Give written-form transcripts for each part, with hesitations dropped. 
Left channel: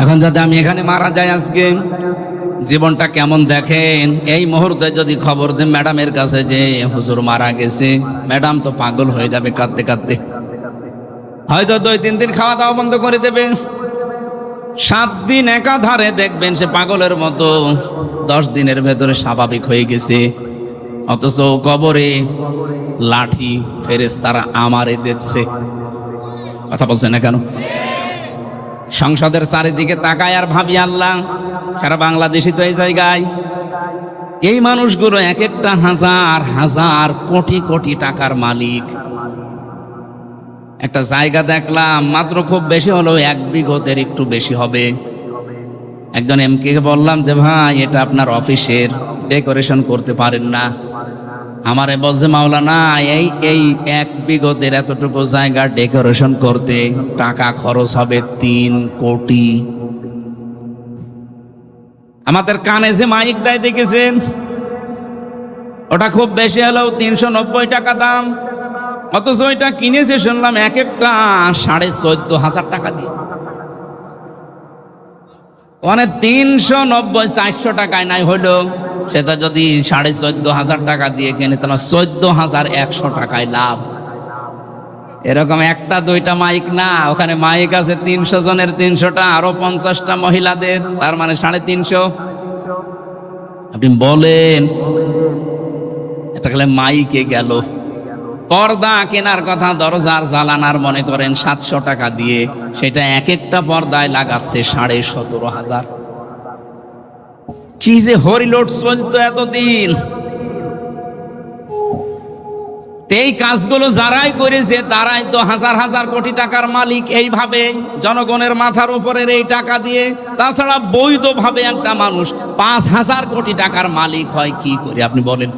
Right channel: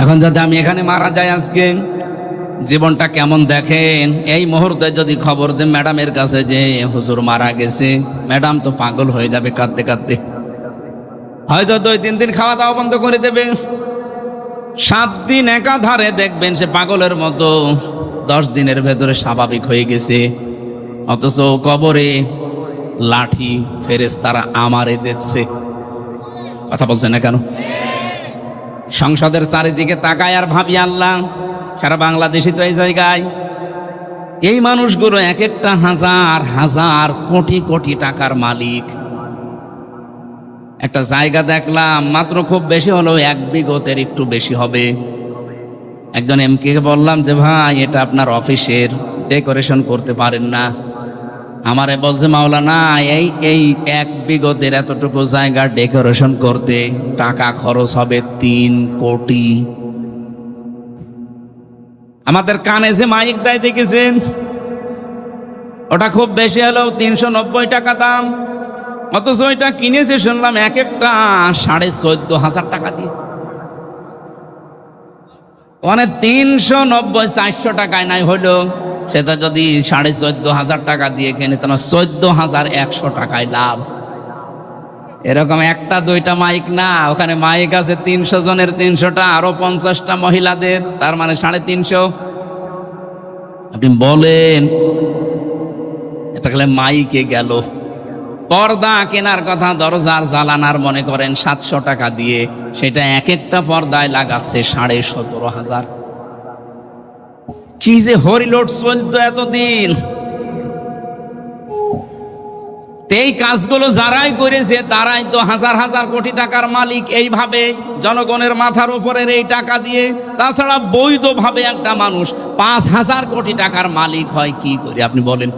এখন যদি আমি এখানে মারা যাই আজকে, জীবনটা কেমন দেখেন। এই মুহূর্তে যদি খবর দেন ম্যাডামের কাছে যে হুজুর মারা গেছে, ম্যাডাম তো পাগল হয়ে যাবে কাঁদতে কাঁদতে। হয়তো 2-3 দিন খাওয়া দাওয়া বন্ধ করে দেবে। 7 দিন একাধারে দেখবেন সে পাগলের মতো 10 দিনের ভেতরে স্বাভাবিক হয়ে গেছে। অথচ কবরে লাঠি ফেরেশতারা আমারে দিচ্ছে। কথা বলছে না কেন? সংসদের চারিদিকে তাকায় আর ভাবি, আল্লাহ, সারা বাংলাদেশে তো এই জায়গায় এই মানুষগুলো এক একটা হাজার হাজার কোটি কোটি টাকার মালিক। একটা জায়গা দেখলাম মাত্র, খুব বেশি হলো 1 বিঘতের একটু বেশি হবে। একজন এমকে বললাম যে ভাই, এটা আপনার অফিসের, ডেকোরেশন করতে পারেন না? আমারে বলছে, মাওলানা, এই 1 বিঘতের এতটুকু জায়গা ডেকোরেশন করতে টাকা খরচ হবে 3 কোটি। আমাদের কানে যে মাইক দেয় দেখেছেন, ওটা খুব বেশি হলেও 390 টাকা দাম। অথচ ওইটা কিনেছে শুনলাম এক একটা 14,500 টাকা দিয়ে। মানে 390-400 টাকায় নাই হলো, সেটা যদি 14,500 টাকা দিয়ে কিনে তাহলে 14,100 টাকায় লাভ। এরকম 1-2টা মাইক না, ওখানে মাইক আছে 300 জনের 300টা, আরো 50টা মহিলাদের, তার মানে 350। আপনি বলেন এটা গেলে মাইকে গেল। পর্দা কেনার কথা, দরজার জ্বালানার মনে করেন 700 টাকা দিয়ে, সেটা এক একটা পর্দায় লাগাচ্ছে 17,500। কি যে হরিলোড চলতো এতদিন। এই কাজগুলো যারাই করেছে তারাই তো হাজার হাজার কোটি টাকার মালিক। এইভাবে জনগণের মাথার উপরের এই টাকা দিয়ে, তাছাড়া বৈধভাবে একটা মানুষ 5,000 কোটি টাকার মালিক হয় কি করে আপনি বলেন?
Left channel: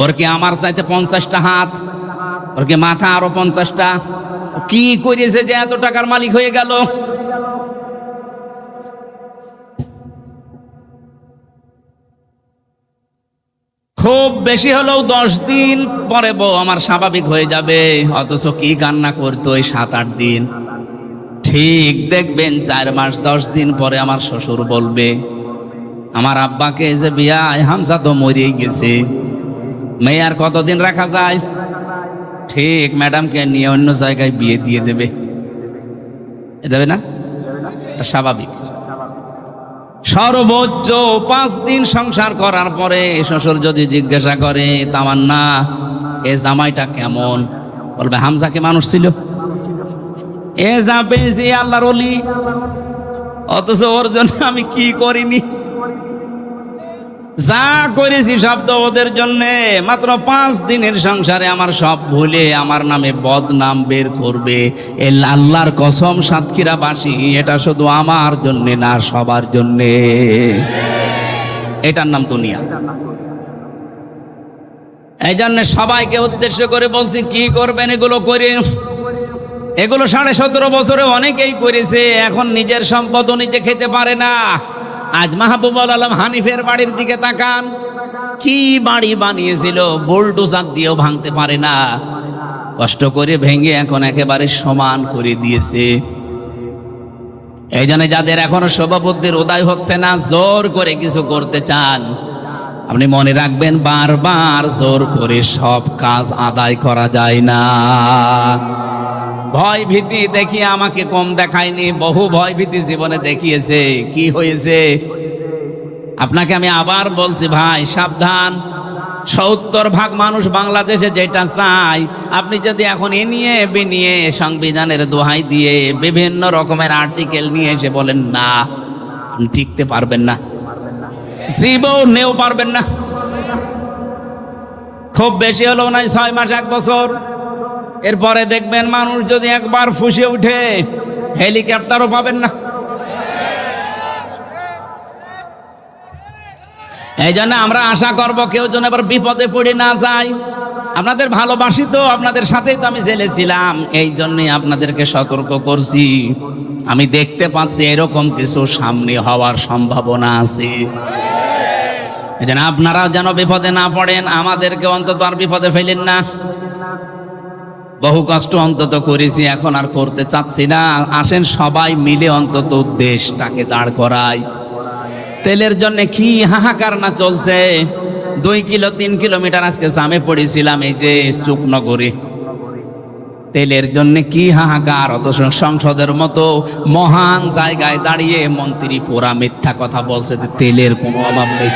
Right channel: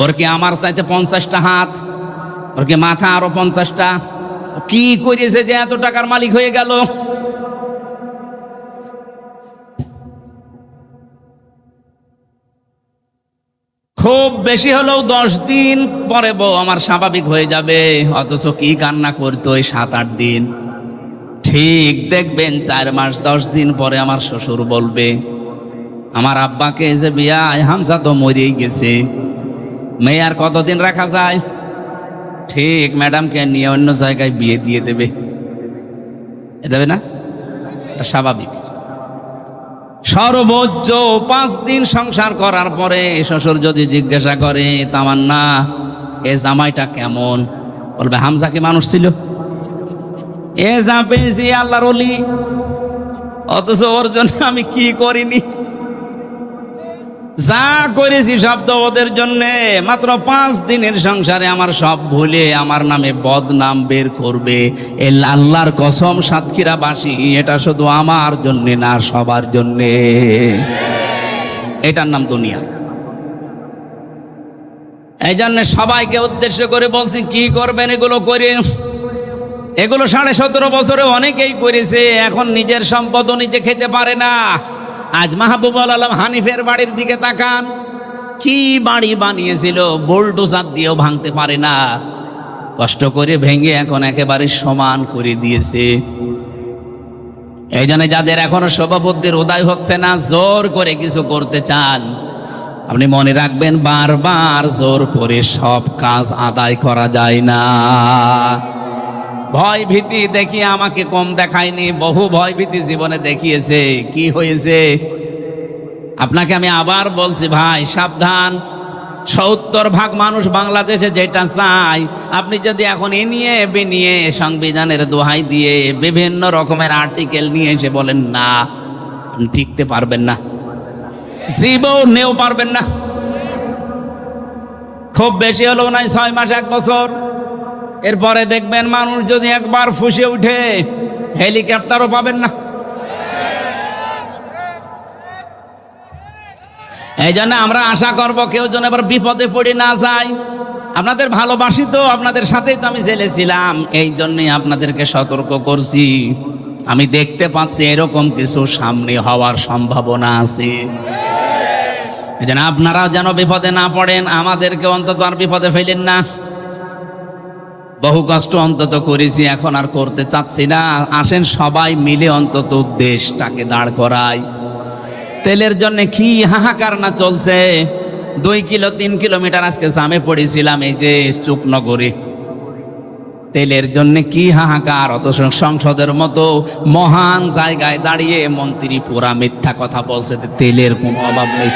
ওর কি আমার চাইতে 50টা হাত, ওর কি মাথা আরো 50টা? কি করেছে যে এত টাকার মালিক হয়ে গেল? খুব বেশি হলেও 10 দিন পরে বউ আমার স্বাভাবিক হয়ে যাবে। অথচ কি কান্না করতো এই 7-8 দিন। ঠিক দেখবেন 4 মাস 10 দিন পরে আমার শ্বশুর বলবে, আমার আব্বাকে যে বিয়ায় হামজা তো মরেই গেছে, মেয়ে আর কতদিন রাখা যায়? ঠিক ম্যাডামকে নিয়ে অন্য জায়গায় বিয়ে দিয়ে দেবে। এ যাবে না? স্বাভাবিক। সর্বোচ্চ 5 দিন সংসার করার পরে শ্বশুর যদি জিজ্ঞাসা করে, তামান্না, এ জামাইটা কেমন? বলবে, হামজাকে মানুষ ছিল, এ যা পেয়েছি আল্লাহর ওলি, অথচ ওর জন্য আমি কি করিনি। যা করেছি সব তো ওদের জন্য। মাত্র 5 দিনের সংসারে আমার সব ভুলে আমার নামে বদনাম বের করবে। আল্লাহর কসম, সাতক্ষীরাবাসী, এটা শুধু আমার জন্য না, সবার জন্য। এটার নাম দুনিয়া। এই জন্য সবাইকে উদ্দেশ্য করে বলছি, কি করবেন এগুলো করে? এগুলো 17.5 বছরে অনেকেই করেছে, এখন নিজের সম্পদও নিজে খেতে পারে না। আজ মাহবুবুল আলম হানিফের বাড়ির দিকে তাকান, কি বাড়ি বানিয়েছিল, বুলডোজার দিয়েও ভাঙতে পারে না। কষ্ট করে ভেঙে এখন একেবারে সমান করে দিয়েছে। এই জন্য যাদের এখনো সভাপতির উদয় হচ্ছে না, জোর করে কিছু করতে চান, আপনি মনে রাখবেন, বারবার জোর করে সব কাজ আদায় করা যায় না। ভয় ভীতি দেখিয়ে আমাকে কম দেখায়নি, বহু ভয় ভীতি জীবনে দেখিয়েছে। কি হয়েছে? আপনাকে আমি আবার বলছি, ভাই সাবধান। 70% মানুষ বাংলাদেশে যেটা চাই, আপনি যদি এখন এ নিয়ে বেনিয়ে সংবিধানের দোহাই দিয়ে বিভিন্ন রকমের আর্টিকেল নিয়ে এসে বলেন না, আপনি টিকতে পারবেন না, জীবনেও পারবেন না। খুব বেশি হলো না 6 মাস 1 বছর। এরপরে দেখবেন মানুষ যদি একবার ফুঁসে উঠে, হেলিকপ্টারও পাবেন না। এই জন্য আমরা আশা করব কেউ যেন এবার বিপদে পড়ে না যায়। আপনাদের ভালোবাসি তো, আপনাদের সাথেই তো আমি ছেলেছিলাম, এই জন্যই আপনাদেরকে সতর্ক করছি। আমি দেখতে পাচ্ছি এরকম কিছু সামনে হওয়ার সম্ভাবনা আছে। এই জন্য আপনারাও যেন বিপদে না পড়েন, আমাদেরকে অন্তত আর বিপদে ফেলেন না। বহু কষ্ট অন্তত করেছি, এখন আর করতে চাচ্ছি না। আসেন সবাই মিলে অন্তত দেশটাকে দাঁড় করাই। তেলের জন্য কি হাহাকার না চলছে। 2 কিলো 3 কিলোমিটার আজকে জামে পড়েছিলাম, এই যে চুপনগরে। তেলের জন্য কি হাহাকার, অথচ সংসদের মতো মহান জায়গায় দাঁড়িয়ে মন্ত্রী পুরা মিথ্যা কথা বলছে যে তেলের কোনো অভাব নেই।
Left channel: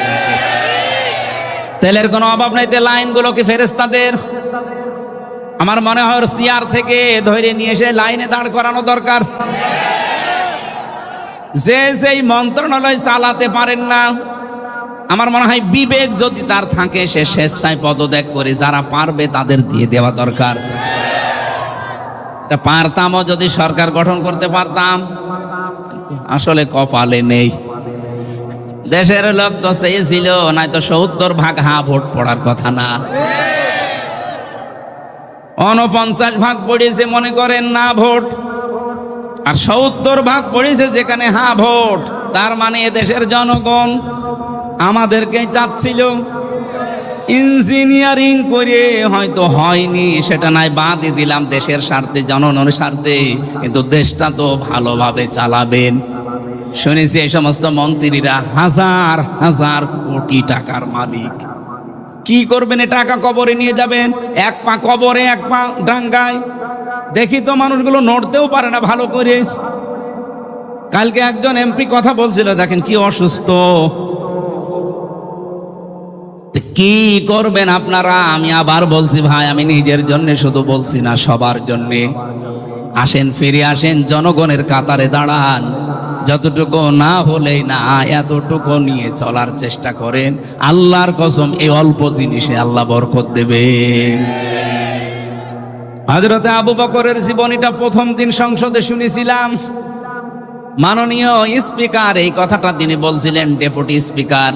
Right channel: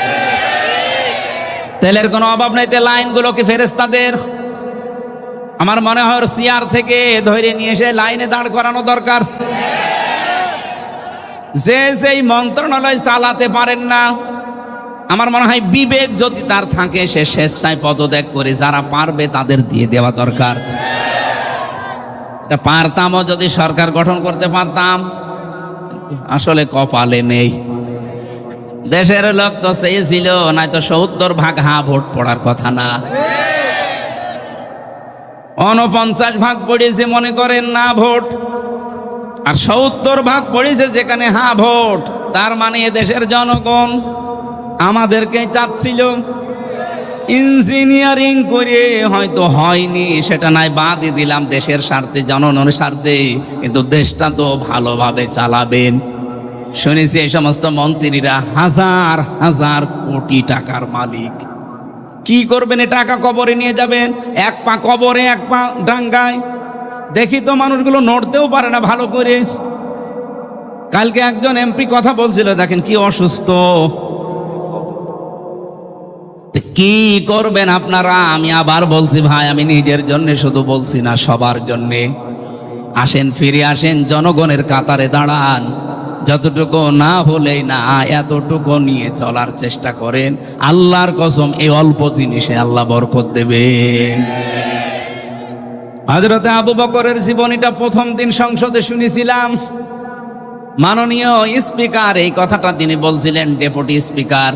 তেলের কোনো অভাব নেই। লাইনগুলো কি ফেরেশতাদের? আমার মনে হয় চেয়ার থেকে ধরে নিয়ে এসে লাইনে দাঁড় করানো দরকার। যে যেই মন্ত্রণালয় চালাতে পারেন না, আমার মনে হয় বিবেক যদি তার থাকে সে স্বেচ্ছায় পদত্যাগ করে, যারা পারবে তাদের দিয়ে দেওয়া দরকার। পারতামও যদি সরকার গঠন করতে পারতাম, আসলে কপালে নেই। দেশের লোক তো চেয়েছিল, নয়তো 70% হা ভোট পড়ার কথা না। 49% পড়েছে মনে করেন না ভোট, আর 70% পড়েছে যেখানে হা ভোট। তার মানে দেশের জনগণ আমাদেরকে চাচ্ছিল। ইঞ্জিনিয়ারিং করে হয়তো হয়নি, সেটা নাই, বাদই দিলাম, দেশের স্বার্থে জনগণের স্বার্থে, কিন্তু দেশটা তো ভালোভাবে চালাবেন। শুনেছি এই সমস্ত মন্ত্রীরা হাজার হাজার কোটি টাকার মালিক। কি করবেন? এ টাকা কবরে নিয়ে যাবেন, এক পা কবরে এক পা ডাঙ্গায়। দেখি তো মানুষগুলো নড়তেও পারে না ভালো করে। কালকে একজন এমপি কথা বলছিল, দেখেন কি অসুস্থ। কি করবেন আপনারা? আমি আবার বলছি ভাই, আমি নিজের জন্য শুধু বলছি না, সবার জন্য। আসেন, ফিরে আসেন, জনগণের কাতারে দাঁড়ান। যতটুকু না হলে না, এতটুকু নিয়ে চলার চেষ্টা করেন। আল্লাহর কসম, এই অল্প জিনিসে আল্লাহ বরকত দেবেন। হযরতে আবু বকরের জীবনীটা প্রথম দিন সংসদে শুনেছিলাম। মাননীয় স্পিকার এই কথাটা তিনি বলছিলেন, ডেপুটি স্পিকার।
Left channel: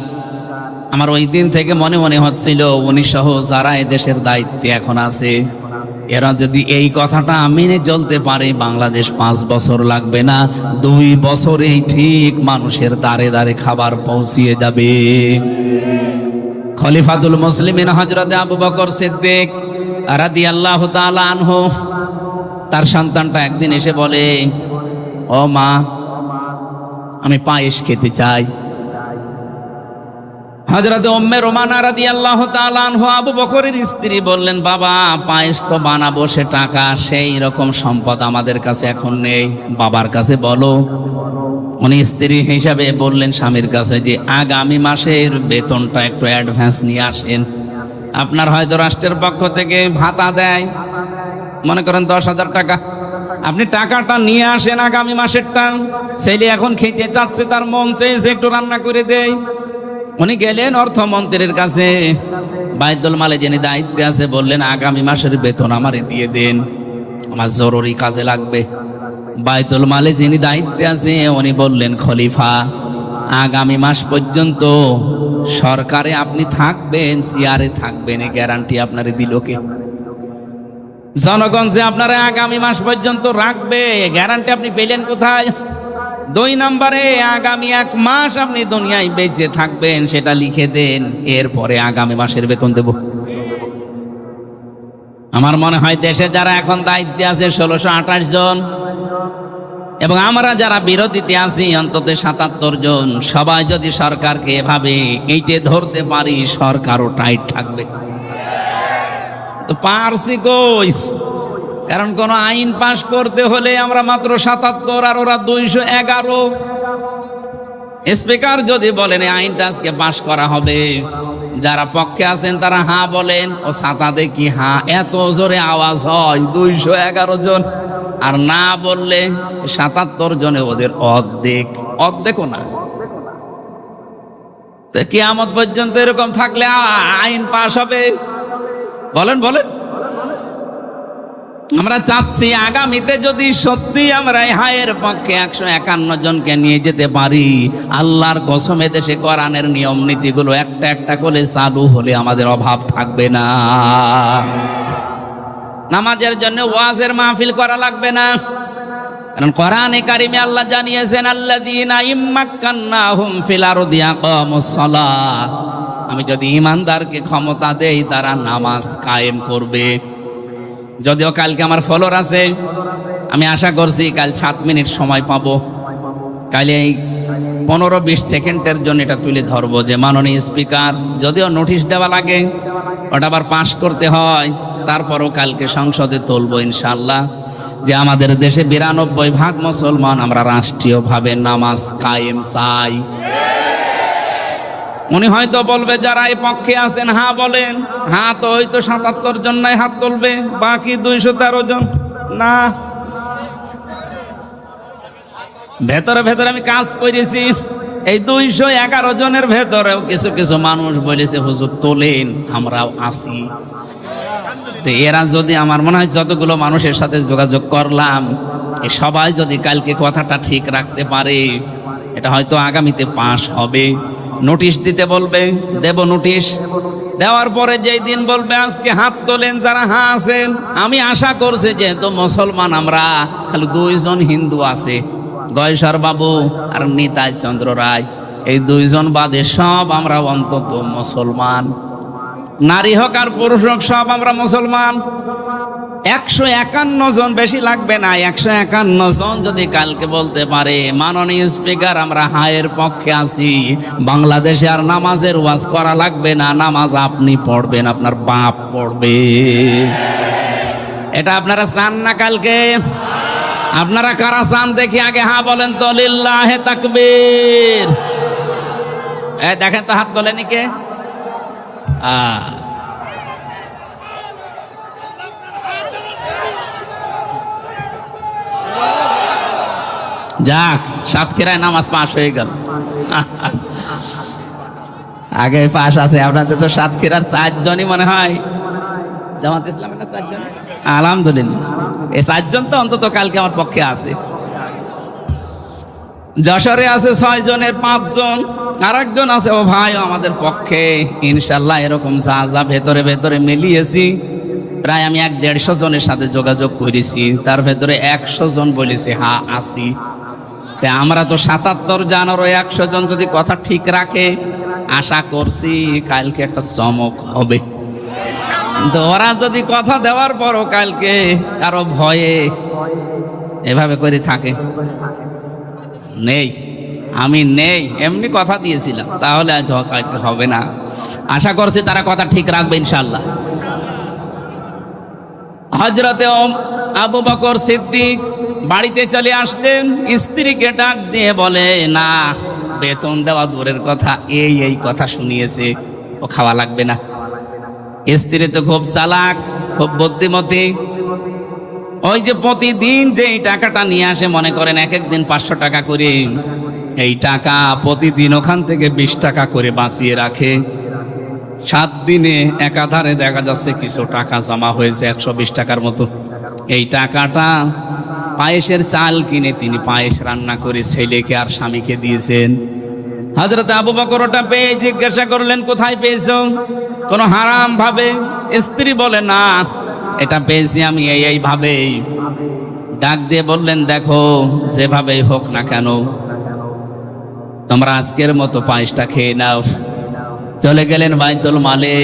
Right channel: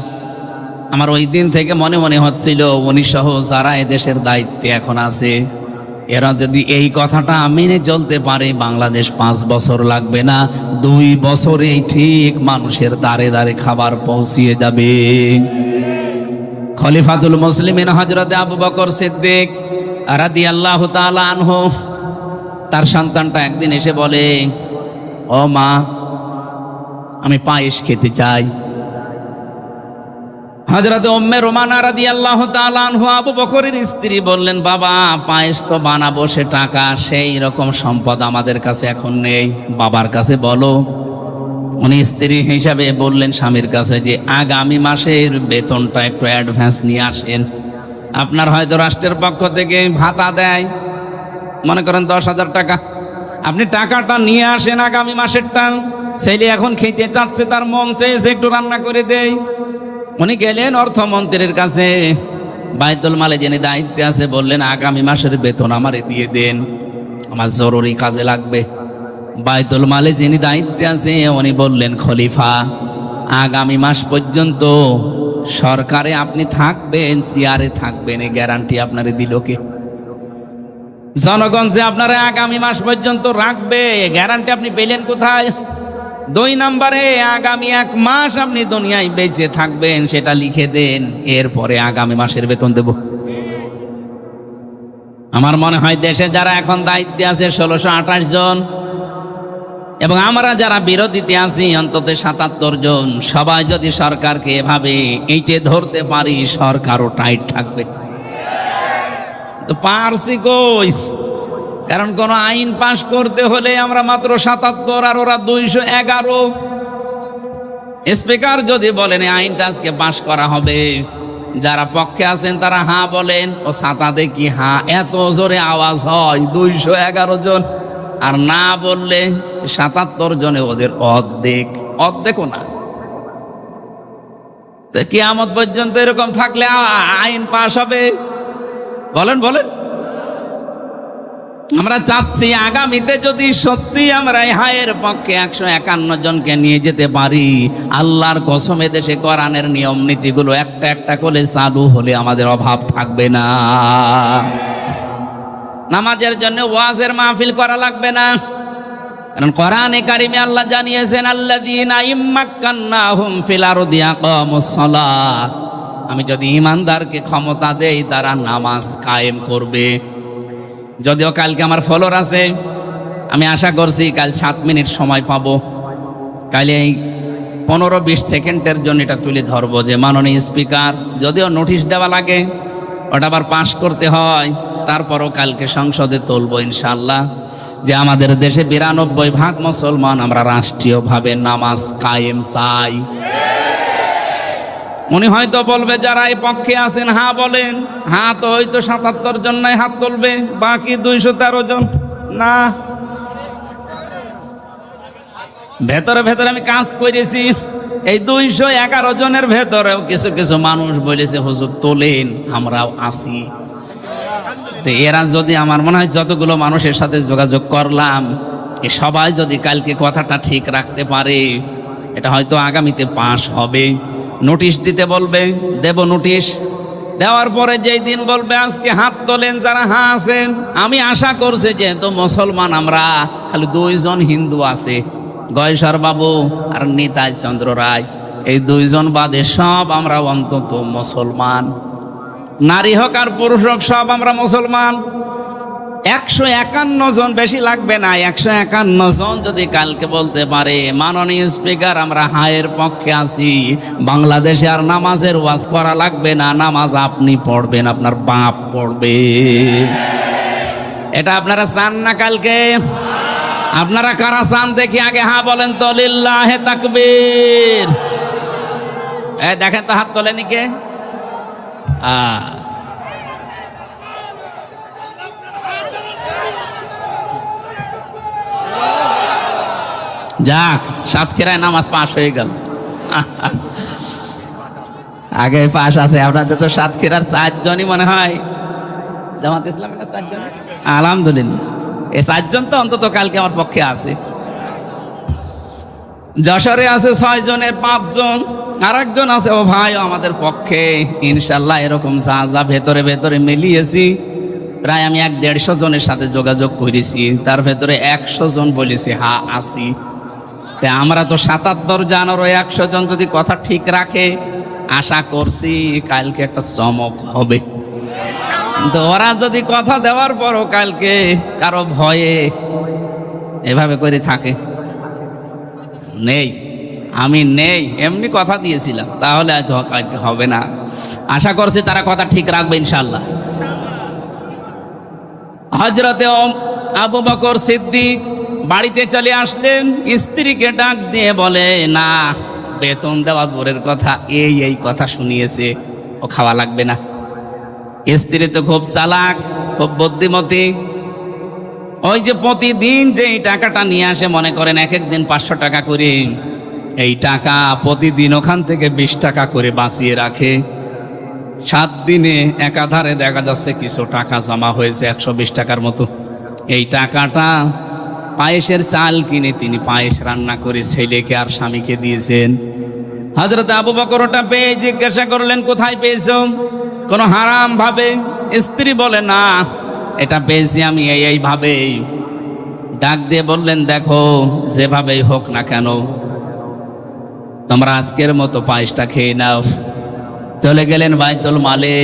আমার ওই দিন থেকে মনে মনে হচ্ছিল, উনি সহ যারা এদেশের দায়িত্বে এখন আছে, এরা যদি এই কথাটা মেনে চলতে পারে, বাংলাদেশ 5 বছর লাগবে না, 2 বছরেই ঠিক মানুষের দ্বারে দ্বারে খাবার পৌঁছিয়ে যাবে। খলিফাতুল মুসলিমিন হযরতে আবু বকর সিদ্দিক রাদিয়াল্লাহু তাআলা আনহু, তার সন্তানটা একদিন এসে বলে, ও মা, আমি পায়েস খেতে চাই। হযরত উম্মে রুমানা রাদিয়াল্লাহু তাআলা আনহা আবু বকরের স্ত্রী বললেন, বাবা, পায়েস তো বানাবো, সে টাকা, সেই রকম সম্পদ আমাদের কাছে এখন নেই, বাবার কাছে বলো। উনি স্ত্রী হিসাবে বললেন স্বামীর কাছে যে আগামী মাসের বেতনটা একটু অ্যাডভান্স নিয়ে আসেন। আপনার হয়তো রাষ্ট্রের পক্ষ থেকে ভাতা দেয়, মনে করেন 10,000 টাকা, আপনি টাকাটা নিয়ে আসেন আগামী মাসেরটা। ছেলে এখন খেতে চাচ্ছে, তার মন চেয়েছে একটু রান্না করে দেয়। উনি গেলেন অর্থমন্ত্রীর কাছে, বাইতুল মালে যিনি দায়িত্বে আছে, বললেন আগামী মাসের বেতন আমারে দিয়ে দেন, আমার জরুরি কাজে লাগবে। বাইতুল মালে যিনি দায়িত্বে আছে উনি বললেন, খলিফা, আগামী মাস পর্যন্ত সরকারে আপনি থাকবেন, চেয়ারে থাকবেন, এই গ্যারান্টি আপনারে দিল কে? জনগণ যে আপনারা আগামী মাস পর্যন্ত রাখবে, গ্যারান্টি আপনি পেলেন কোথায়? 2 নম্বরে, আগামী 1 মাস আপনি দুনিয়ায় বেঁচে থাকবেন, সেটা লিখে দেন, এরপরে আগামী মাসের বেতন দেব। আমার মনে হয় দেশে যারা এখন দায়িত্বে আছে 1628 জন, এবং আমরা যারা বিরোধীতে আছি অন্তত 77 জন, সবাই যদি সরকারকে এভাবে এইটে ধরতে পারি, সরকারও টাইট থাকবে। তো পারছি কই? কারণ কোন আইন পাশ করতে হলে আমরা মাত্র 77 আর ওরা 211। স্পিকার যদি বলেন এই আইনটা আজকে পাশ করা হবে, যারা পক্ষে আছেন তারা হ্যাঁ বলেন, ও ছাতা দেখি হ্যাঁ, এত জোরে আওয়াজ হয়, 211 জন। আর না বললে 77 জনে ওদের অর্ধেকও না। কিয়ামত পর্যন্ত এরকম থাকলে আইন পাশ হবে? বলেন বলেন। আমরা চাচ্ছি আগামীতে যদি সত্যি আমরা এই হায়ের পক্ষে 151 জনকে নিয়ে যেতে পারি, আল্লাহর কসম দেশে কোরআনের নিয়ম নীতিগুলো একটা একটা করে চালু হলে আমাদের অভাব থাকবে না। নামাজের জন্য ওয়াজের মাহফিল করা লাগবে না, কারণ কোরআনে কারিমে আল্লাহ জানিয়েছেন, আল্লাযীনা ইম্মাক্কান্নাহুম ফিল আরদি আকামুস সালাহ, আমি যদি ঈমানদারকে ক্ষমতা দেই তারা নামাজ কায়েম করবে। যদিও কালকে আমার ফলোয়ার আছে, আমি আশা করছি কাল 7 মিনিট সময় পাবো। কালে 15-20 সেকেন্ডের জন্য এটা তুলে ধরবো যে মাননীয় স্পিকার, যদিও নোটিশ দেওয়া লাগে, ওটা আবার পাশ করতে হয়, তারপরও কালকে সংসদে তুলবো ইনশাল্লাহ, যে আমাদের দেশে 92% মুসলমান আমরা রাষ্ট্রীয়ভাবে নামাজ কায়েম চাই। উনি হয়তো বলবে যারা এই পক্ষে আছেন হ্যাঁ বলেন, হ্যাঁ তো হয়তো 77 জন নাই হাত তুলবে, বাকি 213 জন না। ভেতরে ভেতরে আমি কাজ করেছি, এই 211 জনের ভেতরেও কিছু কিছু মানুষ বলেছে হুজুর তোলেন, আমরাও আছি। তো এরা যদি, আমার মনে হয় যতগুলো মানুষের সাথে যোগাযোগ করলাম, সবাই যদি কালকে কথাটা ঠিক রাখতে পারে, এটা হয়তো আগামীতে পাশ হবে। নোটিশ দিতে বলবে, দেব নোটিশ, দেওয়ার পরে যেই দিন বলবে আজকে হাত তোলেন যারা হ্যাঁ আছেন, আমি আশা করছি যেহেতু মুসলমান আমরা, খালি 2 জন হিন্দু আছে, গয়েশ্বর বাবু আর নিতাই চন্দ্র রায়, এই 2 জন বাদে সব আমরা অন্তত মুসলমান। নারী হোক আর পুরুষ হোক সব আমরা মুসলমান। 151 জন, বেশি লাগবে না, 151 জন যদি কালকে বলতে পারে মাননীয় স্পিকার আমরা হায়ের পক্ষে আছি, বাংলাদেশে আর নামাজের ওয়াজ করা লাগবে না, নামাজ আপনি পড়বেন, আপনার বাপ পড়বে। এটা আপনারা চান না? কালকে আপনারা কারা চান দেখি আগে হ্যাঁ বলেন তো, লিল্লাহে তাকবীর। দেখেন তো হাত বলেনি কে? যাক, সাতক্ষীরায় নামাজ পাশ হয়ে গেল। আগে পাশ আছে, আমরা তো সাতক্ষীরার 4 জনই মনে হয় জামাত ইসলামের 4 জন, আলহামদুলিল্লাহ এই 4 জন তো অন্তত কালকে আমার পক্ষে আছে। যশোরে আছে 6 জনের 5 জন, আর একজন আছে ও ভাই আমাদের পক্ষে ইনশাল্লাহ। এরকম যা ভেতরে ভেতরে মিলিয়েছি, প্রায় আমি 150 জনের সাথে যোগাযোগ করেছি, তার ভেতরে 100 জন বলেছে হ্যাঁ আছি। আমরা তো 77 জানারও 100 জন যদি কথা ঠিক রাখে, আশা করছি কালকে একটা চমক হবে। ওরা যদি কথা দেওয়ার পরও কালকে কারো ভয়ে এভাবে করে থাকে, নেই আমি নেই, এমনি কথা দিয়েছিলাম, তাহলে হবে না। আশা করছি তারা কথা ঠিক রাখবে ইনশাল্লাহ। হযরতে আবু বকর সিদ্দিক বাড়িতে চলে আসলেন, স্ত্রীকে ডাক দিয়ে বলে না, বেতন দেওয়া দূরের কথা, এই কথা শুনিয়েছে, ও খাওয়া লাগবে না। স্ত্রী তো খুব চালাক, খুব বুদ্ধিমতী, ওই যে প্রতিদিন যে এই টাকাটা নিয়ে আসে, মনে করেন এক একদিন 500 টাকা করে, এই টাকা প্রতিদিন ওখান থেকে 20 টাকা করে বাঁচিয়ে রাখে। 7 দিনে একাধারে দেখা যাচ্ছে কিছু টাকা জমা হয়েছে 120 টাকার মতো। এই টাকাটা পায়েসের চাল কিনে তিনি পায়েস রান্না করে ছেলেকে আর স্বামীকে দিয়েছেন। হযরত আবু বকর ওটা পেয়ে জিজ্ঞাসা করলেন কোথায় পেয়েছো, কোন হারাম ভাবে? স্ত্রী বলে না, এটা পেয়েছি আমি এইভাবে। ডাক দিয়ে বললেন দেখো, যেভাবে হোক না কেন তোমরা আজকের মতো পায়েসটা খেয়ে নাও। চলে গেলেন বাইতুল মালে,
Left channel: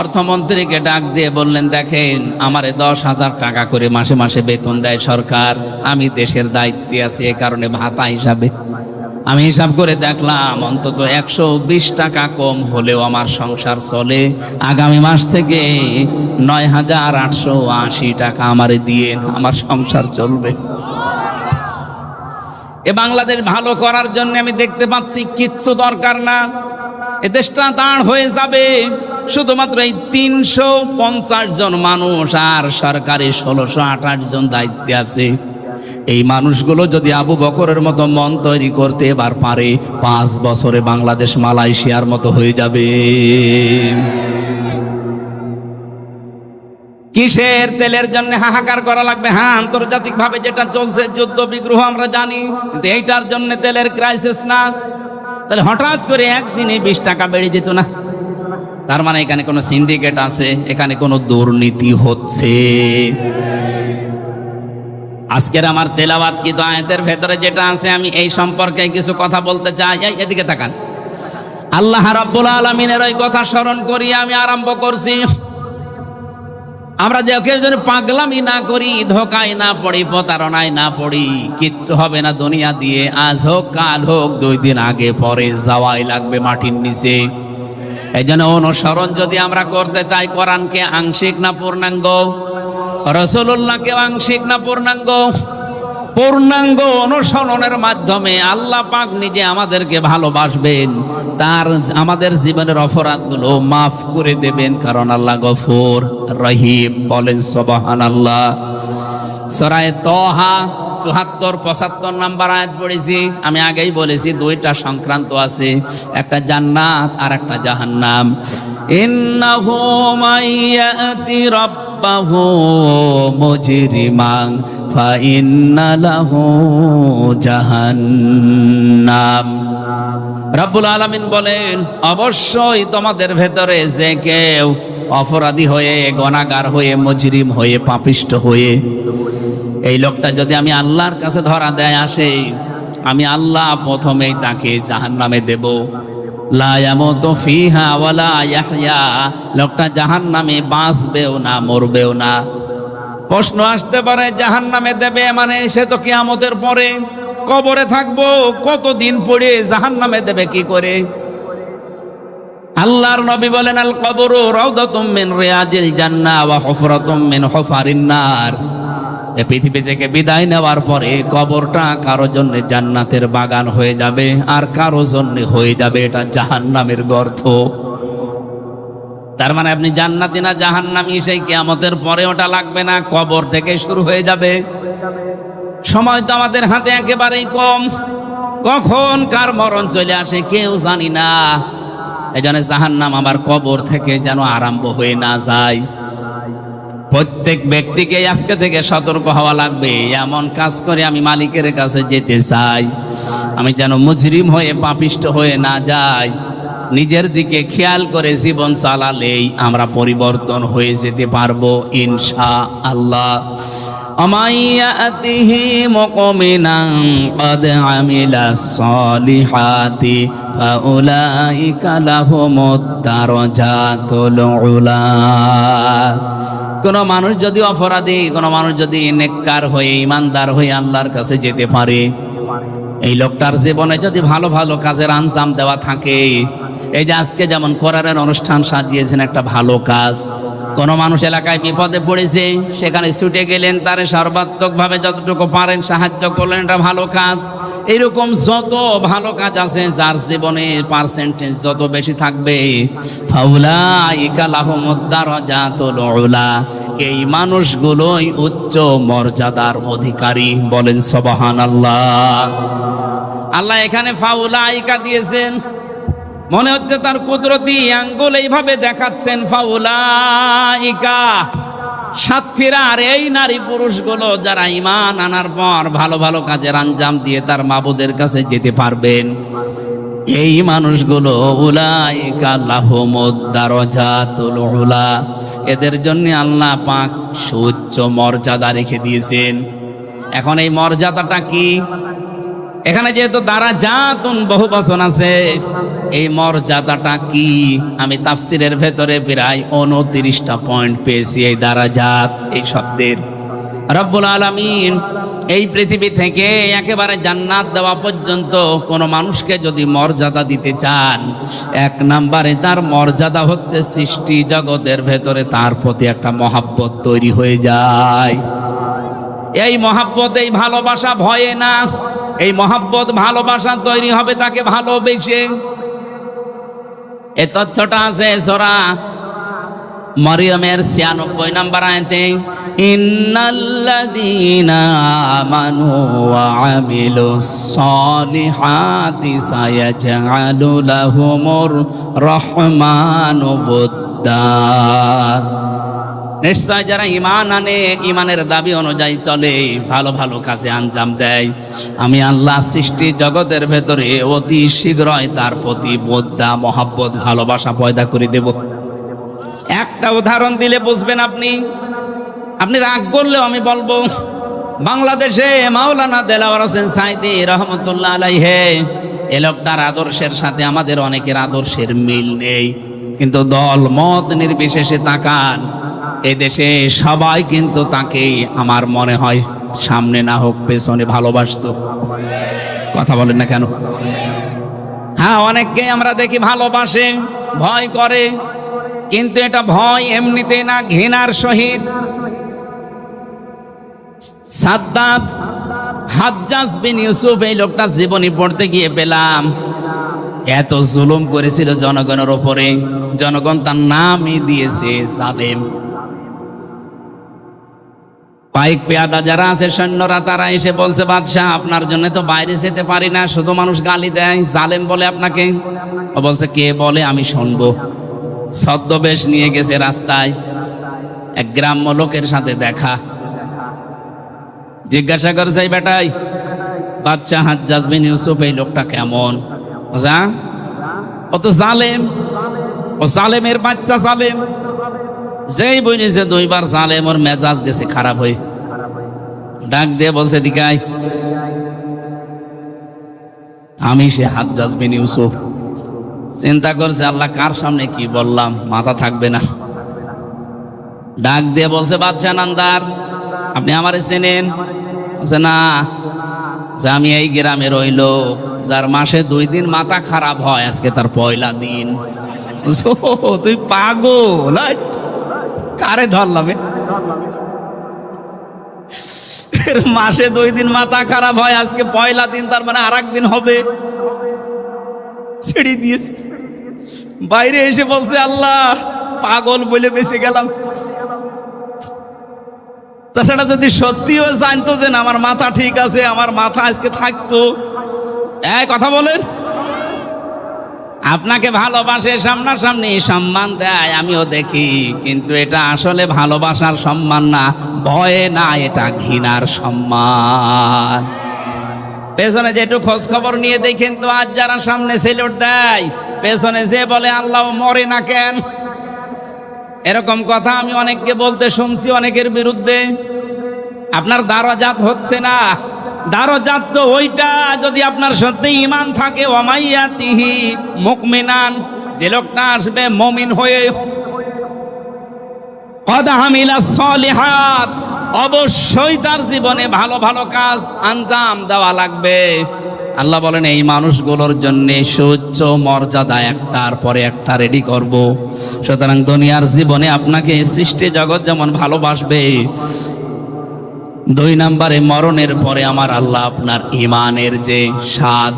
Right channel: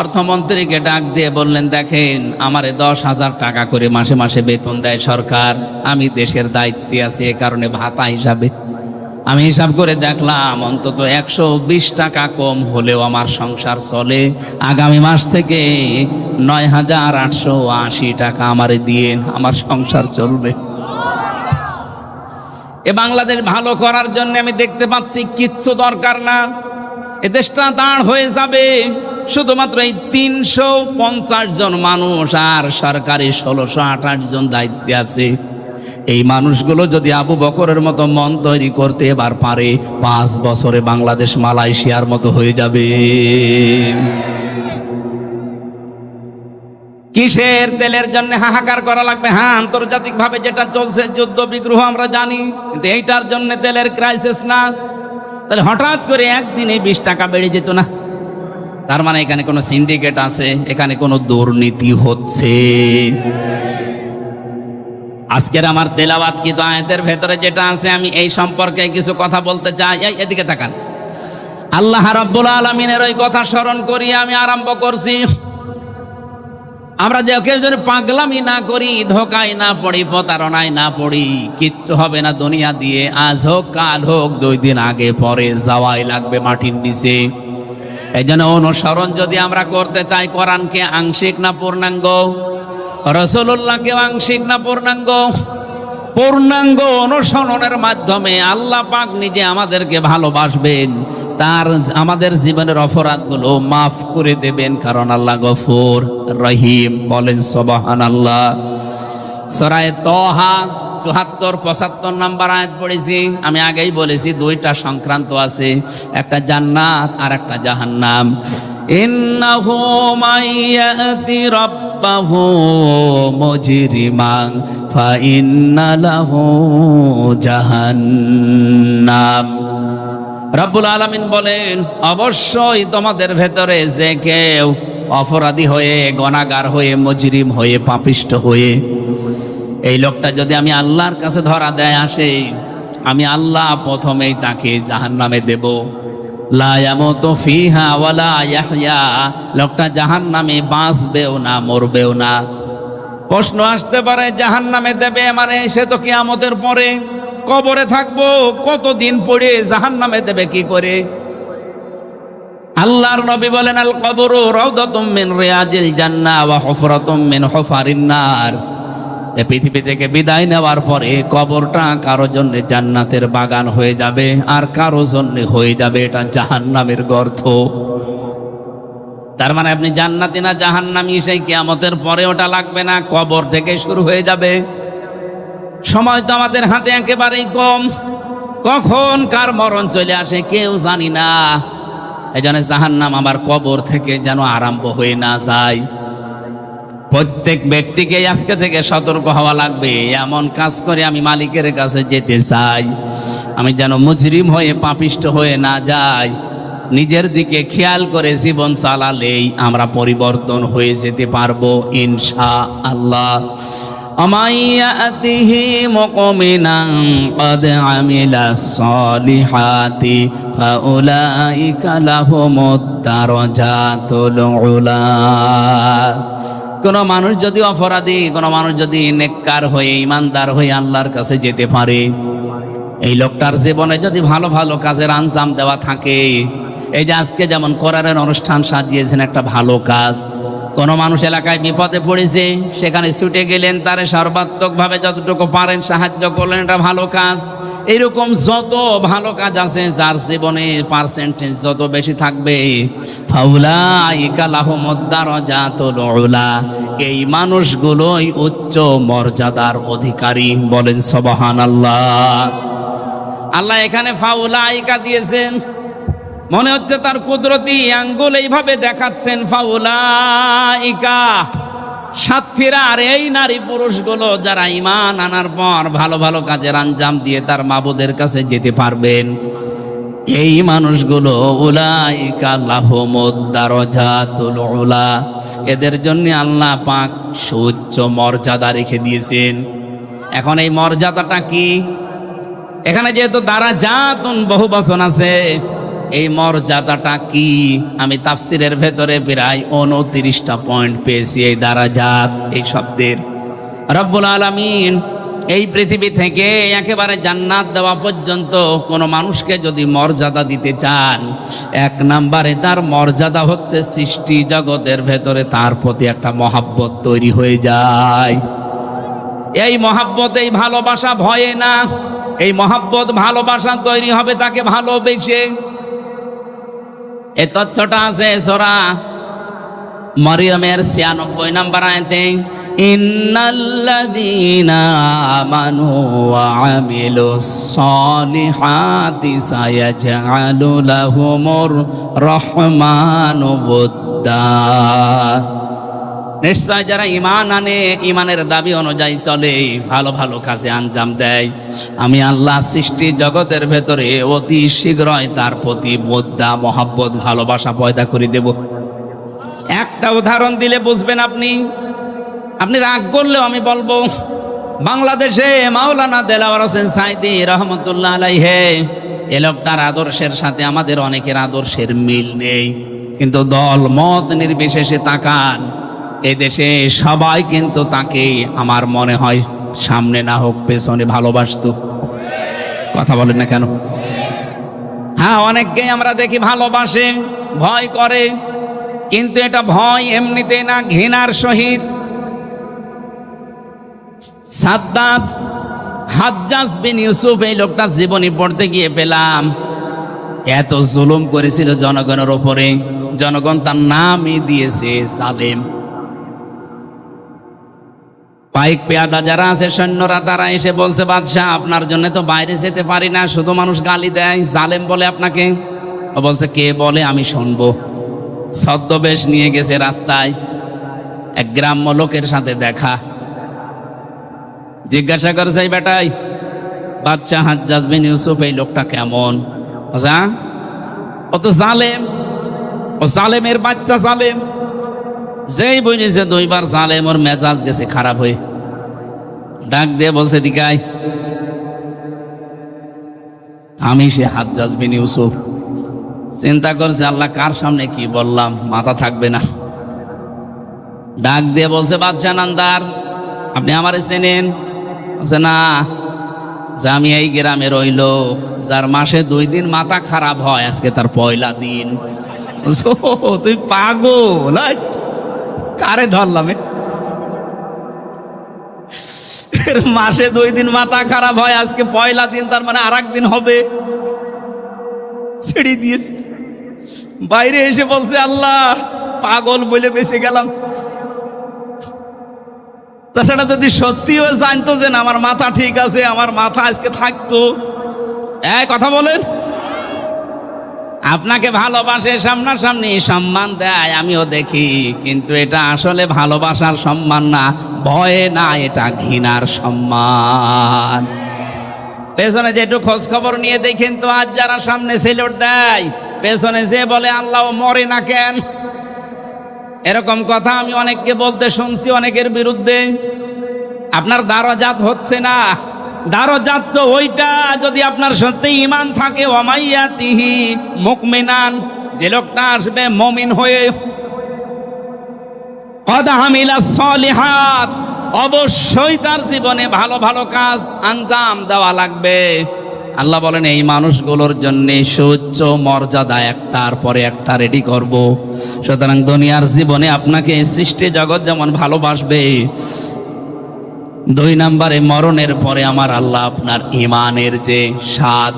অর্থমন্ত্রীকে ডাক দিয়ে বললেন দেখেন, আমারে 10,000 টাকা করে মাসে মাসে বেতন দেয় সরকার, আমি দেশের দায়িত্বে আছি, এ কারণে ভাতা হিসাবে আমি হিসাব করে দেখলাম অন্তত 120 টাকা কম হলেও আমার সংসার চলে। আগামী মাস থেকে 9,880 টাকা আমারে দিয়ে আমার সংসার চলবে। এ বাংলাদেশ ভালো করার জন্য আমি দেখতে পাচ্ছি কিচ্ছু দরকার না, এ দেশটা দাঁড় হয়ে যাবে। শুধুমাত্র এই 350 জন মানুষ আর সরকারি 1628 জন দায়িত্বে আছে। এই মানুষগুলো যদি আবু বকরের মতো মন তৈরি করতে এবার পারে, 5 বছরে বাংলাদেশ মালয়েশিয়ার মতো হয়ে যাবে। কিসের তেলের জন্য হাহাকার করা লাগবে? হ্যাঁ, আন্তর্জাতিক ভাবে যেটা চলছে যুদ্ধ বিগ্রহ আমরা জানি, এইটার জন্য তেলের ক্রাইসিস না। তাহলে হঠাৎ করে একদিনে 20 টাকা বেড়ে যেত না, তার মানে এখানে কোনো সিন্ডিকেট আছে, এখানে কোনো দুর্নীতি হচ্ছে। আজকের আমার তেলাওয়াত কি আয়াতের ভেতরে যেটা আছে, আমি এই সম্পর্কে কিছু কথা বলতে চাই। এদিকে তাকান, আল্লাহ রাব্বুল আলামিনের ওই কথা স্মরণ করিয়ে আমি আরম্ভ করছি। আমরা দেখে যদি পাগলামি না করি, ধোকায় না পড়ি, প্রতারণায় না পড়ি, কিচ্ছু হবে না দুনিয়া দিয়ে। আজ হোক কাল হোক 2 দিন আগে পরে যাওয়াই লাগবে মাটির নিচে। এই জন্য অনুসরণ যদি আমরা করতে চাই, কোরআনকে আংশিক না পূর্ণাঙ্গ, রাসূলুল্লাহকে আংশিক না পূর্ণাঙ্গ, পূর্ণাঙ্গ অনুসরণের মাধ্যমে আল্লাহ পাক নিজে আমাদেরকে ভালোবাসবেন, তার আমাদের জীবনের অপরাধগুলো মাফ করে দেবেন, কারণ আল্লাহ গফুর রহিম। বলেন সুবহানাল্লাহ। সূরা তাহা 74-75 নম্বর আয়াত পড়েছি। আমি আগেই বলেছি 2টা সংক্রান্ত আছে, একটা জান্নাত আর একটা জাহান্নাম। ইন্নাহু মাইয়াতি রাব্বাহু মুজরিমান ফা ইন্না লাহু জাহান্নাম। রব্বুল আলামিন বলেন, অবশ্যই তোমাদের ভেতরে যে কেউ অপরাধী হয়ে, গুনাহগার হয়ে, মুজরিম হয়ে, পাপিষ্ঠ হয়ে, এই লোকটা যদি আমি আল্লাহর কাছে ধরা দেয় আসে, আমি আল্লাহ প্রথমেই তাকে জাহান্নামে দেব। লা ইয়ামুতু ফিহা ওয়ালা ইয়াহইয়া, লোকটা জাহান্নামে বাঁচবেও না, মরবেও না। প্রশ্ন আসতে পারে, জাহান্নামে দেবে মানে সে তো কিয়ামতের পরে কবরে থাকবো, কতদিন পরে জাহান্নামে দেবে কি করে? আল্লাহর নবী বলেন, আল কবরু রাউদাতুম মিন রিয়াজিল জান্নাহ ওয়া হুফরাতুম মিন হুফারিন নার। এই পৃথিবী থেকে বিদায় নেওয়ার পরে কবরটা কারো জন্য জান্নাতের বাগান হয়ে যাবে, আর কারো জন্য হয়ে যাবে এটা জাহান্নামের গর্ত। তার মানে আপনি জান্নাতি না জাহান্নামী, সেই কিয়ামতের পরে ওটা লাগবে না, কবর থেকে শুরু হয়ে যাবে। সময় তো আমাদের হাতে একেবারেই কম, কখন কার মরণ চলে আসে কেউ জানি না। এখানে জাহান্নাম আমার কবর থেকে যেন আরম্ভ হয়ে না যায়। প্রত্যেক ব্যক্তিকে আজকে থেকে সতর্ক হওয়া লাগবে, এমন কাজ করে আমি মালিকের কাছে যেতে চাই, আমি যেন মুজরিম হয়ে, পাপিষ্ঠ হয়ে না যাই। নিজের দিকে খেয়াল করে জীবন চালালেই আমরা পরিবর্তন হয়ে যেতে পারবো ইনশাআল্লাহ। আমাইয়াতিহি মুমিনান ক্বাদ আমিলাস সালিহাতি ফাউলাইকা লাহুমুদ দারাজাতুল উলা। কোন মানুষ যদি অপরাধী, কোন মানুষ যদি নেককার হয়ে, ইমানদার হয়ে আল্লাহর কাছে যেতে পারে, এই লোকটার জীবনে যদি ভালো ভালো কাজের আঞ্জাম দেওয়া থাকে, এই যে আজকে যেমন করারের অনুষ্ঠান সাজিয়েছেন, একটা ভালো কাজ। কোন মানুষ এলাকায় বিপদে পড়েছে, সেখানে ছুটে গেলেন, তারে সর্বাত্মকভাবে যতটুকু পারেন সাহায্য করলেন, এটা ভালো কাজ। এইরকম যত ভালো কাজ আছে, যার জীবনে পার্সেন্টেজ যত বেশি থাকবে, ফাউলাইকা লাহুমুদ দারাজাতুল উলা, এই মানুষগুলোই উচ্চ মর্যাদার অধিকারী। বলেন সুবহানাল্লাহ। আল্লাহ এখানে ফাউলাইকা দিয়েছেন, মনে হচ্ছে তার কুদরতি আঙ্গুল এইভাবে দেখাচ্ছেন, ফাউলাইকা সাক্ষীরা। আর এই নারী পুরুষগুলো যারা ঈমান আনার পর ভালো ভালো কাজের আঞ্জাম দিয়ে তার মাবুদের কাছে যেতে পারবেন, এই মানুষগুলো উলাইকা লাহুমুদ দারাজাতুল উলা, এদের জন্য আল্লাহ পাক সুউচ্চ মর্যাদা রেখে দিয়েছেন। এখন এই মর্যাদাটা কি? এখানে যেহেতু দারাজাতুন বহু বচন আছে, এই মর্যাদাটা কি? আমি তাফসিরের ভেতরে প্রায় 29টা পয়েন্ট পেয়েছি এই দারাজাত এই শব্দের। রব্বুল আলামিন এই পৃথিবী থেকে একেবারে জান্নাত দেওয়া পর্যন্ত কোন মানুষকে যদি মর্যাদা দিতে চান, 1 নম্বরে তার মর্যাদা হচ্ছে সৃষ্টি জগতের ভেতরে তার প্রতি একটা মহাব্বত তৈরি হয়ে যায়। এই মহাব্বত, এই ভালোবাসা ভয়ে না, এই মহাব্বত ভালোবাসা তৈরি হবে তাকে ভালোবেসে। এই তথ্যটা আছে সূরা মরিয়মের 96 নম্বর আয়াতে, ইন্নাল্লাযীনা আমানু ওয়া আমিলুস সালিহাতি সায়াজআলু লাহুমুর রহমানু বুদ্দা। নিশ্চয় যারা ঈমান আনে, ঈমানের দাবি অনুযায়ী চলে, ভালো ভালো কাজে আঞ্জাম দেয়, আমি আল্লাহ সৃষ্টি জগতের ভেতরে অতি শীঘ্রই তার প্রতি বুদ্দা, মহাব্বত, ভালোবাসা পয়দা করে দেব। একটা উদাহরণ দিলে বুঝবেন আপনি। আপনি রাগ করলেও আমি বলবো, বাংলাদেশে মাওলানা দেলাওয়ার হোসেন সাঈদী রহমতুল্লাহ আলাইহি, এ লোকটার আদর্শের সাথে আমাদের অনেকের আদর্শের মিল নেই, কিন্তু দল মত নির্বিশেষে তাকান, এই দেশে সবাই কিন্তু তাকে আমার মনে হয় সামনে না হোক পেছনে ভালোবাসতো। কথা বলেন না কেন? হ্যাঁ, অনেককেই আমরা দেখি ভালোবাসে, ভয় করে, কিন্তু এটা ভয় এমনিতে না, ঘৃণার সহিত। সাদ্দাত হাজ্জাজ বিন ইউসুফ, এই লোকটার জীবনী পড়তে গিয়ে পেলাম এত জুলুম করেছিল জনগণের উপরে, জনগণ তার নামই দিয়েছে জালেম। পাইক পেয়াদা যারা আছে সৈন্যরা, তারা এসে বলছে, বাদশাহ আপনার জন্য তো বাইরে যেতে পারি না, শুধু মানুষ গালি দেয়, জালেম বলে আপনাকে। ও বলছে, কে বলে আমি শুনবো। ছদ্মবেশ নিয়ে গেছে রাস্তায়, এক গ্রাম্য লোকের সাথে দেখা। জিজ্ঞাসা করছে, এই বেটাই বাদশাহ হাজ্জাজ বিন ইউসুফ, এই লোকটা কেমন? ও তো জালেম, ও জালেমের বাচ্চা জালেম। যেই বইছে দুইবার জালেম, ওর মেজাজ গেছে খারাপ হয়ে। ডাক দিয়ে বলছে, দিকাই আমি সে হাজ্জাজ বিন ইউসুফ। চিন্তা করছে, আল্লাহ কার সামনে কি বললাম, মাথা থাকবে না। ডাক দিয়ে বলছে, বাদশাহ নান্দার, আপনি আমারে চেনেন? বলছে, না। যে আমি এই গ্রামের ওই লোক যার মাসে 2 দিন মাথা খারাপ হয়, আজকে তার পয়লা দিন। তুই পাগল, কারে ধরলাম? মাসে 2 দিন মাথা খারাপ হয়, আজকে পয়লা দিন, তার মানে আর একদিন হবে। ছেড়ে দিয়েছে। বাইরে এসে বলছে, আল্লাহ পাগল বলে বেঁচে গেলাম। তাছাড়া যদি সত্যিও জানতো যে না আমার মাথা ঠিক আছে, আমার মাথা আজকে থাকতো। কথা বলেন, আপনাকে ভালোবাসে, সামনাসামনি সম্মান দেয়, আমিও দেখি, কিন্তু এটা আসলে ভালোবাসার সম্মান না, ভয়ে না, এটা ঘৃণার সম্মান। পেছনে যে একটু খোঁজ খবর নিয়ে দেখেন তো, আজ যারা সামনে সেলুট দেয়, পেছনে যে বলে আল্লাহ মরে না কেন, এরকম কথা আমি অনেককে বলতে শুনছি, অনেকের বিরুদ্ধে। আপনার দারাজাত হচ্ছে না, দারাজাত তো ওইটা যদি আপনার সত্যি ঈমান থাকে, ওয়ামাইয়াতিহি মুমিনান, যে লোকটা আসবে মুমিন হয়ে, কদ আমিলাস সলিহাত, অবশ্যই তার জীবনে ভালো ভালো কাজ আঞ্জাম দেওয়া লাগবে। আল্লাহ বলেন, এই মানুষগুলোর জন্য সুউচ্চ মর্যাদা একটার পরে একটা রেডি করব। সুতরাং দুনিয়ার জীবনে আপনাকে সৃষ্টি জগৎ যেমন ভালোবাসবে, 2 নম্বরে মরণের পরে আমার আল্লাহ আপনার ইমানের যে স্বাদ,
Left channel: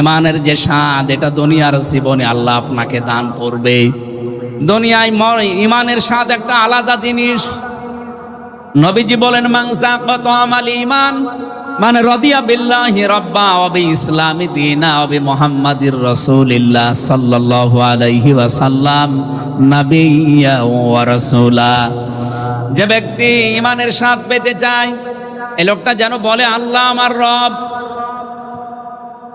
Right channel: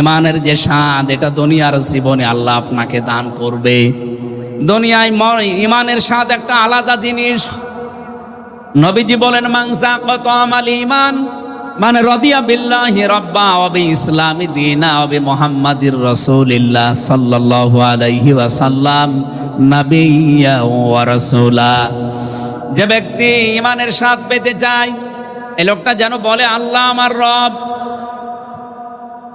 ইমানের যে স্বাদ, এটা দুনিয়ার জীবনে আল্লাহ আপনাকে দান করবে। দুনিয়ায় ইমানের স্বাদ একটা আলাদা জিনিস। নবীজি বলেন, মান যাকা তা'আমাল ঈমান মানে রাদিয়া বিল্লাহি রাব্বা ওয়া বিইসলামি দীনা ওয়া বিমুহাম্মাদির রাসূলিল্লাহ সাল্লাল্লাহু আলাইহি ওয়াসাল্লাম নাবিয়্যা ওয়া রাসূলা। যে ব্যক্তি ইমানের স্বাদ পেতে চায়, এই লোকটা যেন বলে, আল্লাহ আমার রব,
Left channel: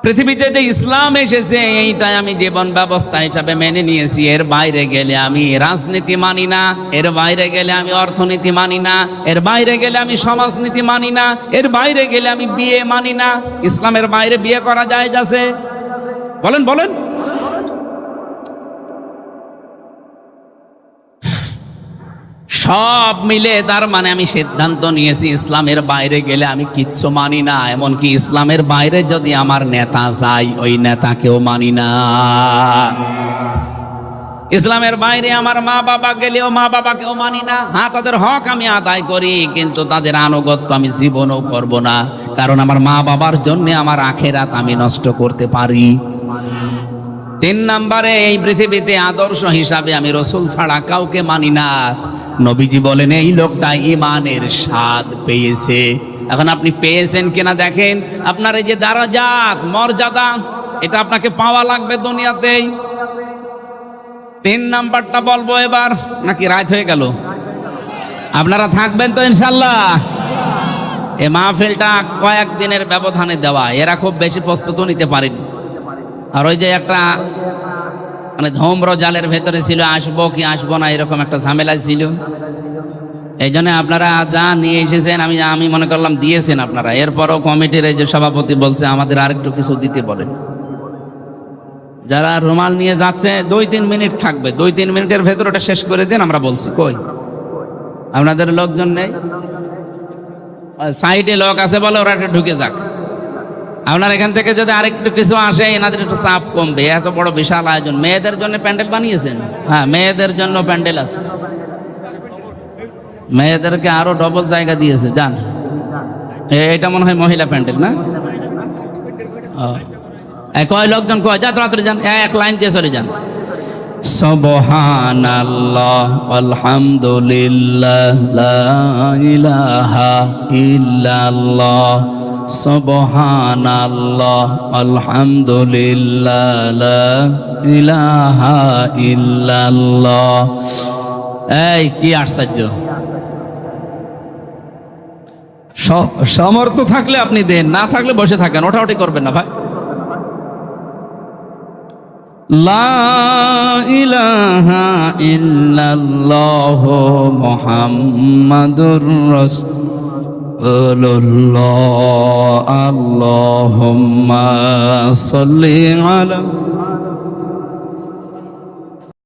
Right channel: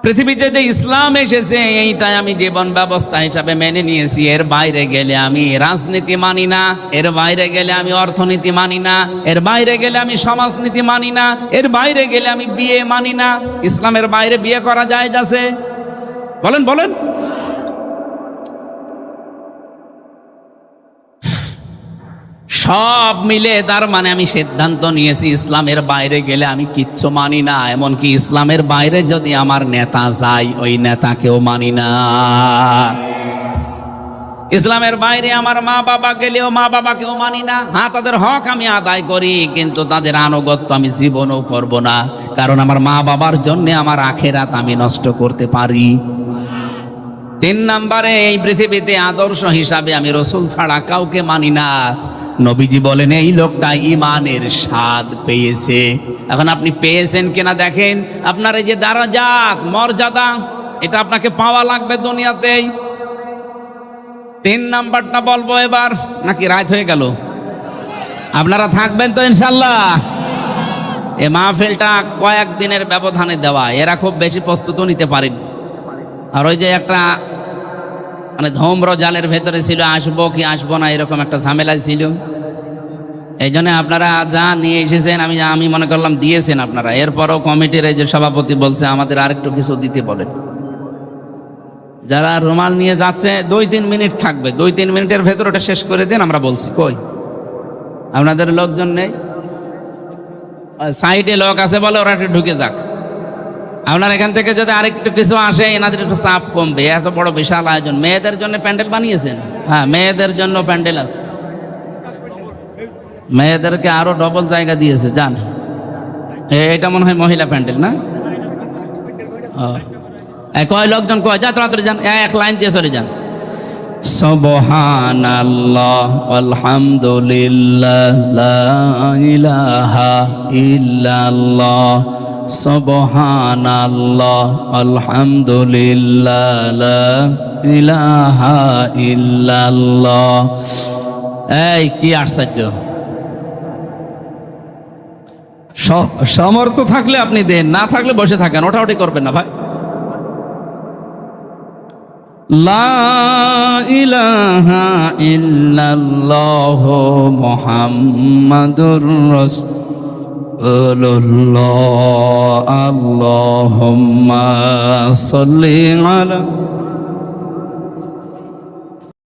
পৃথিবীতে যে ইসলাম এসেছে এইটাই আমি জীবন ব্যবস্থা হিসাবে মেনে নিয়েছি। এর বাইরে গেলে আমি রাজনীতি মানি না, এর বাইরে গেলে আমি অর্থনীতি মানি না, এর বাইরে গেলে আমি সমাজনীতি মানি না, এর বাইরে গেলে আমি বিয়ে মানি না। ইসলামের বাইরে বিয়ে করা যায় আছে? বলেন বলেন। সব মিলে তার মানে আমি সিদ্ধান্ত নিয়েছি, ইসলামের বাইরে গেলে আমি কিচ্ছু মানি না। এমনকি ইসলামের বাইরে যদি আমার নেতা চাই, ওই নেতাকেও মানি না। ইসলামের বাইরে আমার মা বাবা গেলেও মা বাবাকেও মানি না। হ্যাঁ, তাদের হক আমি আদায় করি, কিন্তু তাদের আনুগত্য আমি জীবনও করব না, কারণ আমার মা বাবার জন্য আমার আখেরাত আমি নষ্ট করতে পারি। 3 নম্বরে, এই পৃথিবীতে আদর্শ হিসাবে আমি রাসূল ছাড়া কাউকে মানি না। নবীজি বলেন, এই লোকটা ঈমানের স্বাদ পেয়েছে। এখন আপনি পেয়েছেন কিনা দেখেন। আপনার এই যে দারাজাত, মর্যাদা, এটা আপনাকে পাওয়া লাগবে দুনিয়াতেই। 3 নাম্বারটা বলবো এবার, নাকি রাত হয়ে গেল? আপনারা থাকবেন তো ইনশাআল্লাহ? এই মাহফিলটা কয়েকদিনের ব্যবধানে দেওয়া, এরা খুব বেশি প্রস্তুত নিতে পারেনি। আর ওই যে একটা মানে ধূম্র জালের ভেতরে ছিল, আসবো কি আসবো না, এরকম একটা ঝামেলা ছিল। এই জন্য আপনারা যা নিয়ে এসেছেন, আমি মনে করলাম দিয়েছেন আপনারা। এরপরও কমিটির এই যে সভাপতি বলছে আমাদের আরেকটু কিছু দিতে বলেন। যারা রুমাল নিয়ে যাচ্ছে 2-3 মিনিট থাকবে, 2-3 মিনিটের ভেতর ওটা শেষ করে দিন। আমরা বলছি কই আপনাদের লোকজন নেই? সাইডে লোক আছে বলে ওরা একটু ঢুকে যাক। আপনার এখান থেকে যদি আরেকটু কিছু আসে এনাদের একটু চাপ কমবে। এত বড় বিশাল আয়োজন, মেয়েদের জন্য প্যান্ডেল বানিয়েছেন? হ্যাঁ, মেয়েদের জন্য প্যান্ডেল আছে, মেয়েদেরকে আরো ডবল জায়গা দিয়েছে। যান, এটা মনে হয় মহিলা প্যান্ডেল না? কয় লোকজন কয়, যা তাড়াতাড়ি যান, এক লাইন দিয়ে চলে যান। সুবহানাল্লাহ আলহামদুলিল্লাহ লা ইলাহা ইল্লাল্লাহ, সুবহানাল্লাহ আলহামদুলিল্লাহ লা ইলাহা ইল্লাল্লাহ। এই কি আশ্চর্য! সামর্থ্য থাকলে আপনি দেন, না থাকলে বসে থাকেন, ওঠাউঠি করবেন না ভাই। লা ইলাহা ইল্লাল্লাহ মুহাম্মাদুর রাসূলুল্লাহ, আল্লাহুম্মা সাল্লি আলা